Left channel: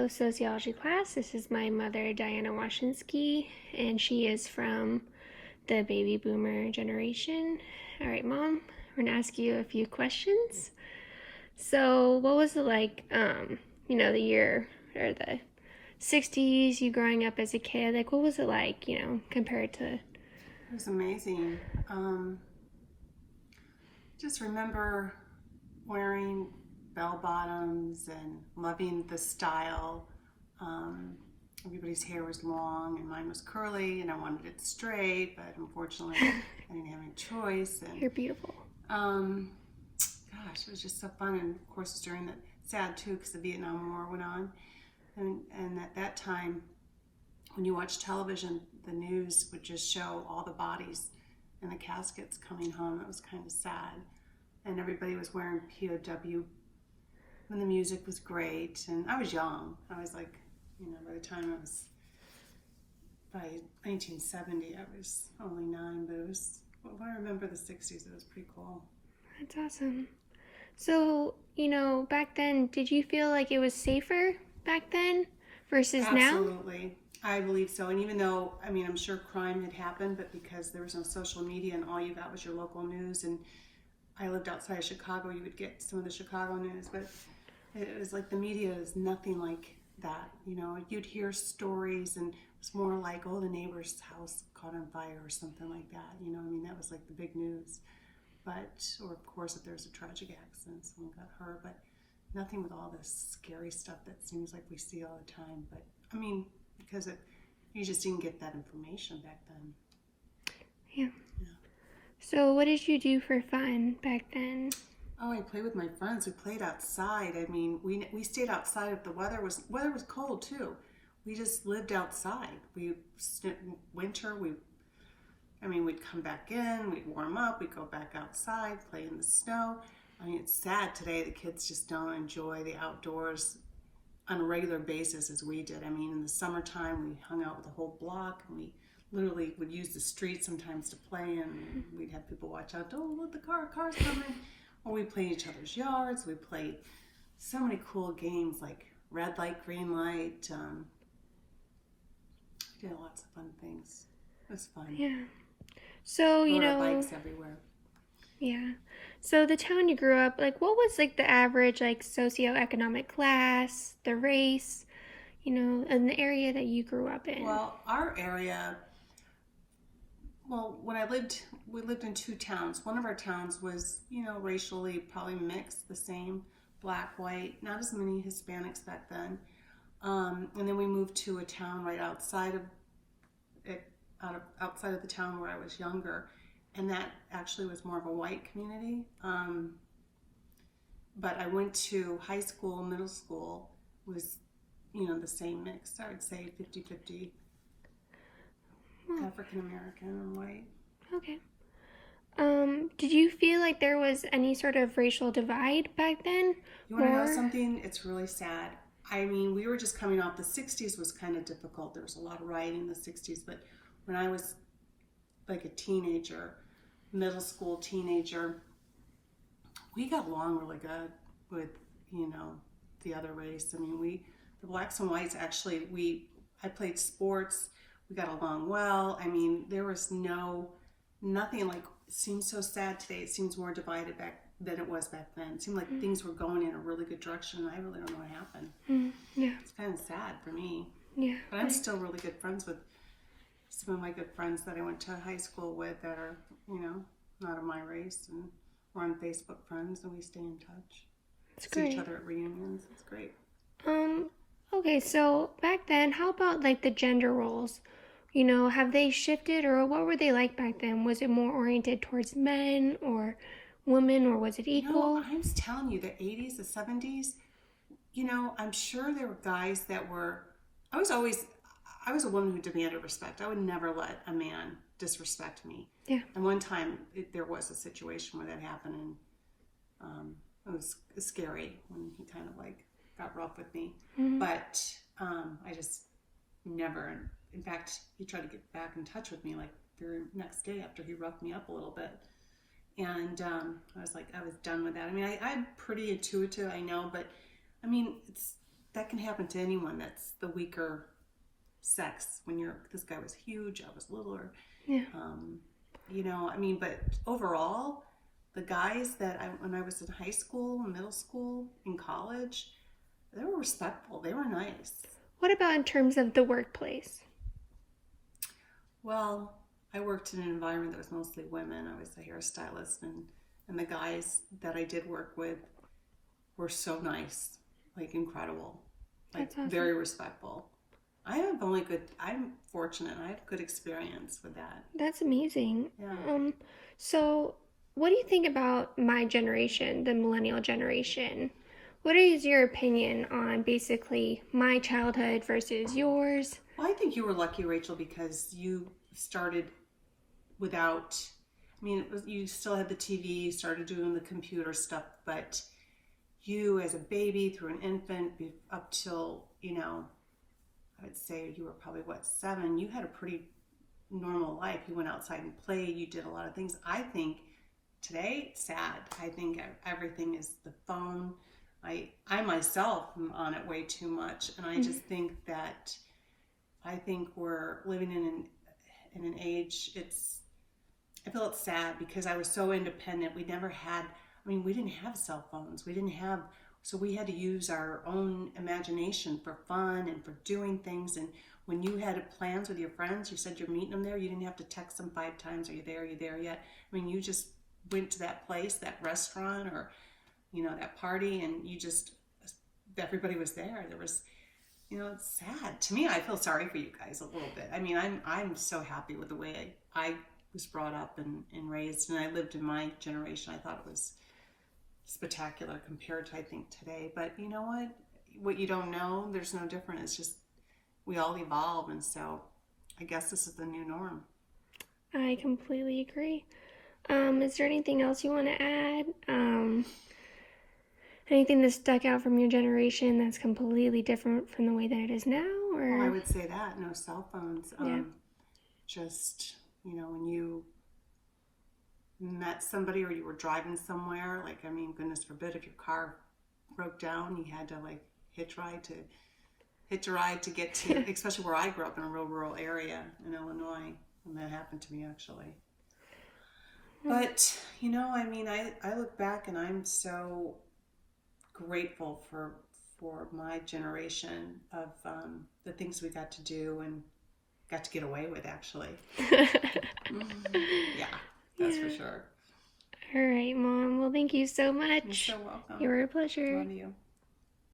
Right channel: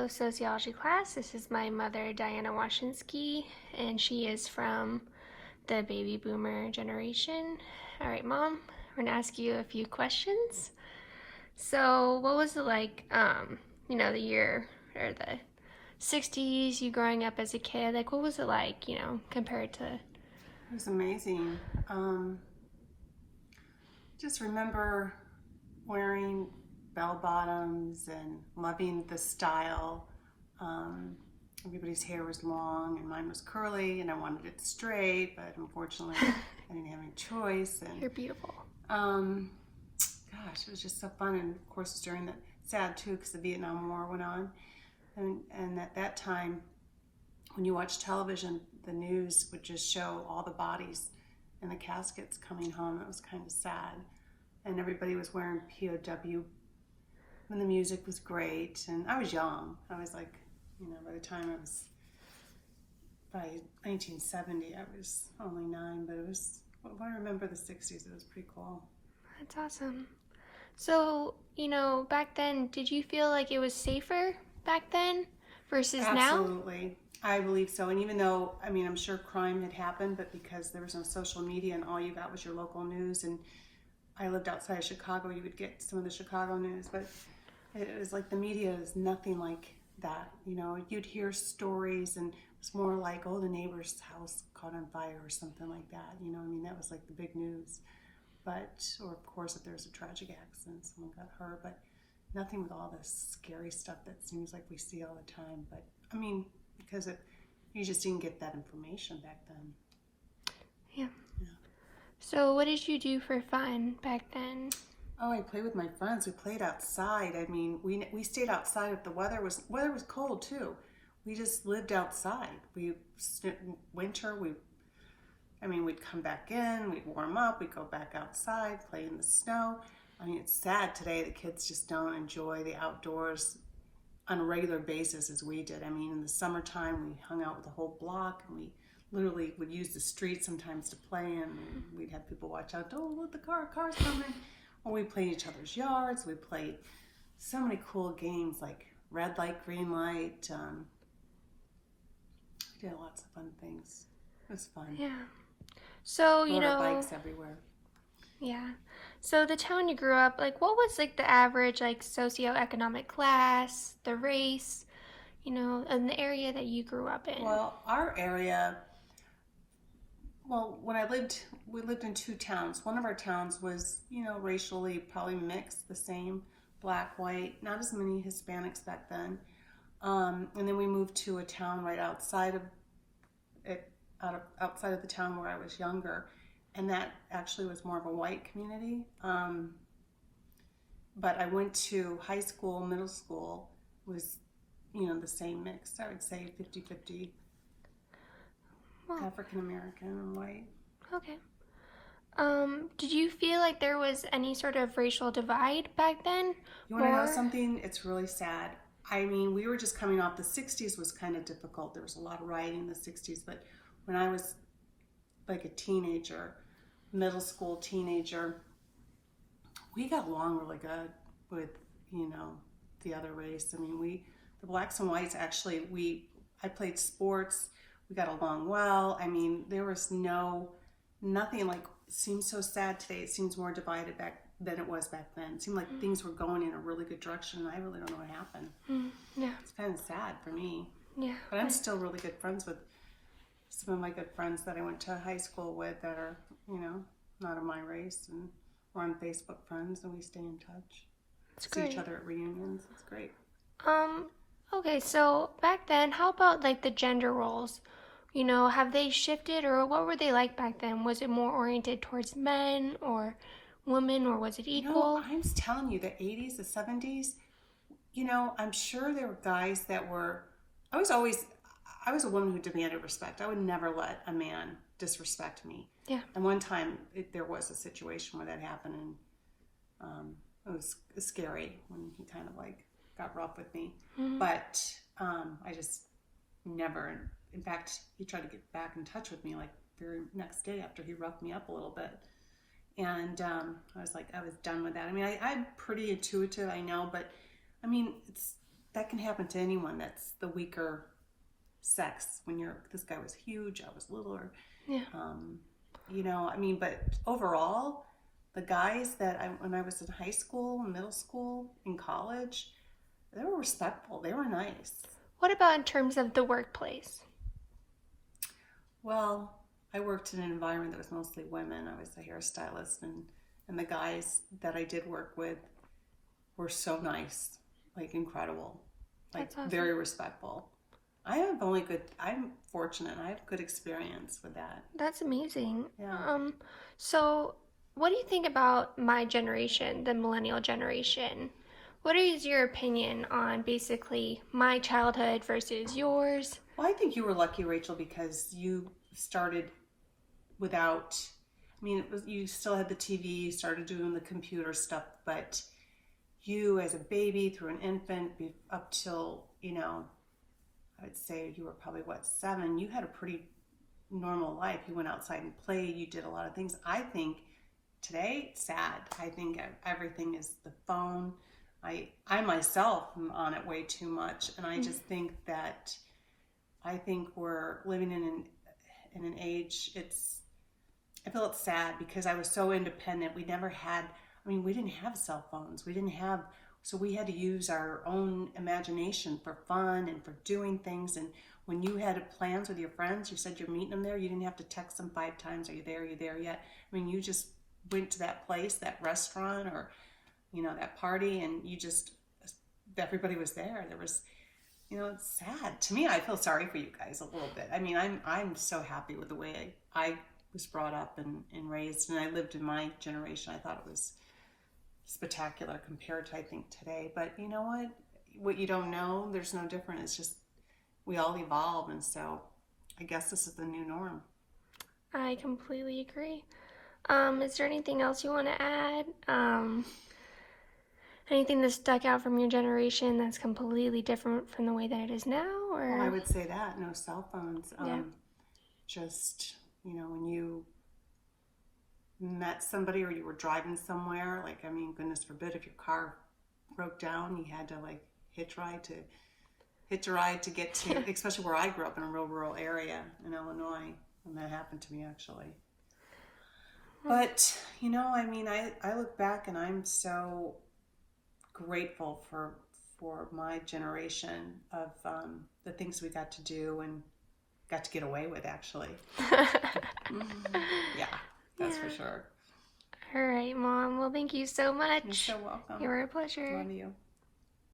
Hello, sociology class. This is my mother, Diana Washinsky, and she is from the baby boomer generation. All right, Mom, we're gonna ask you a few questions. So, what was it like, the year or the 60s, you growing up as a kid? Like, what was it like, compared to... It was amazing. Just remember wearing bell bottoms and loving the style. Everybody's hair was long and mine was curly, and I wanted it straight, but unfortunately I didn't have any choice. And You're beautiful. gosh, it was just so fun. And of course, during the sad too, because the Vietnam War went on, and at that time, when you watch television, the news would just show all the bodies and the caskets coming home. It was kind of sad, and everybody was wearing POW. And the music was great, and I was young. I was like, by the time by 1970, I was only 9, but it was, well, I remember the 60s, it was pretty cool. That's awesome. So, back then, did you feel like it was safer back then versus now? Absolutely. I believe so. And even though, I'm sure crime had happened, but because there was no social media and all you got was your local news, and I lived outside of Chicago, you would get some of the Chicago news, but it was like the media is nothing like that. You'd hear stories, and it was more like, oh, the neighbor's house caught on fire or something like that. That was like the big news. But, or of course, if there's a tragic accident, someone got hurt, but nothing with all this scary stuff that seems like we see all the time. But, because you just didn't get that information back then. Yeah. So what did you do for fun back then? Oh, I played with my friends. We played outside. We stayed outside if the weather was cold too. We just lived outside. Winter, we'd come back in, we'd warm up, we'd go back outside, play in the snow. It's sad today the kids just don't enjoy the outdoors on a regular basis as we did. In the summertime, we hung out with the whole block, and we literally would use the street sometimes to play in. And we'd have people watch out, don't let the car's coming. Or we played each other's yards. We played so many cool games like red light, green light. We did lots of fun things. It was fun. Yeah. So, Rode our bikes everywhere. Yeah. So the town you grew up, what was the average socioeconomic class, the race, in the area that you grew up in? Well, our area, when we lived in 2 towns. One of our towns was, racially probably mixed, the same, black, white, not as many Hispanics back then. And then we moved to a town right outside of the town where I was younger. And that actually was more of a white community. But I went to high school, middle school, was, the same mix. I would say 50-50 African-American and white. Okay. Did you feel like there was any sort of racial divide back then? You want to know something? It's really sad. We were just coming off, the 60s was kind of difficult. There was a lot of rioting in the 60s, but when I was like a teenager, middle school teenager, we got along really good with, the other race. The blacks and whites, actually, I played sports. We got along well. There was nothing like, it seems so sad today. It seems more divided back than it was back then. It seemed like things were going in a really good direction, and I really don't know what happened. Yeah. It's kind of sad for me. Yeah. But I'm still really good friends with some of my good friends that I went to high school with that are, not of my race, and we're on Facebook friends, and we stay in touch. That's See great. each other at reunions. It's great. Okay, so back then, how about the gender roles? Have they shifted, or what were they like back then? Was it more oriented towards men or women, or was it equal? I'm telling you, the 80s, the 70s, I'm sure there were guys that were, I was a woman who demanded respect. I would never let a man disrespect me. Yeah. And one time there was a situation where that happened, and it was scary when he kind of got rough with me. Mm-hmm. But I just never, in fact, he tried to get back in touch with me very next day after he roughed me up a little bit. And I was done with that. I'm pretty intuitive, I know, but that can happen to anyone that's the weaker sex. When this guy was huge, I was littler. Yeah. You know, I mean, but overall, the guys when I was in high school, middle school, in college, they were respectful. They were nice. What about in terms of the workplace? Well, I worked in an environment that was mostly women. I was a hairstylist, and the guys that I did work with were so nice, like incredible, like That's awesome. very respectful. I'm fortunate. I have good experience with that. That's amazing. Yeah. So what do you think about my generation, the millennial generation? What is your opinion on basically my childhood versus yours? Well, I think you were lucky, Rachel, because you started without, I mean, you still had the TV, you started doing the computer stuff, but you as a baby, through an infant, up till, you know, I would say you were probably, 7, you had a pretty normal life. You went outside and played, you did a lot of things. I think today, it's sad. I think everything is the phone. I myself am on it way too much, and I just think that we're living in an age. I feel it's sad because I was so independent. We never had. I mean, we didn't have cell phones. So we had to use our own imagination for fun and for doing things. And when you had plans with your friends, you said you're meeting them there. You didn't have to text them 5 times. Are you there? Are you there yet? I mean, you just went to that place, that restaurant, or that party, and everybody was there. There was, it's sad to me. I feel sorry for you guys a little bit. I mean, I'm so happy with the way I was brought up and raised, and I lived in my generation. I thought it was spectacular compared to, I think, today. But you know what you don't know, there's no different. It's just we all evolve, and so I guess this is the new norm. I completely agree. Is there anything else you want to add? Anything that stuck out from your generation that's completely different from the way that it is now? Or Well, I would say that no cell phones. Yeah. Just when you met somebody or you were driving somewhere, like, I mean, goodness forbid, if your car broke down, you had to like hitch a ride to get to, especially where I grew up in a real rural area in Illinois, and that happened to me actually. But I mean, I look back and I'm so grateful for my generation of the things we got to do and got to get away with, actually. Yeah, that's for sure. All right, Mom. Well, thank you so much. You're so welcome. You were a pleasure. Love you.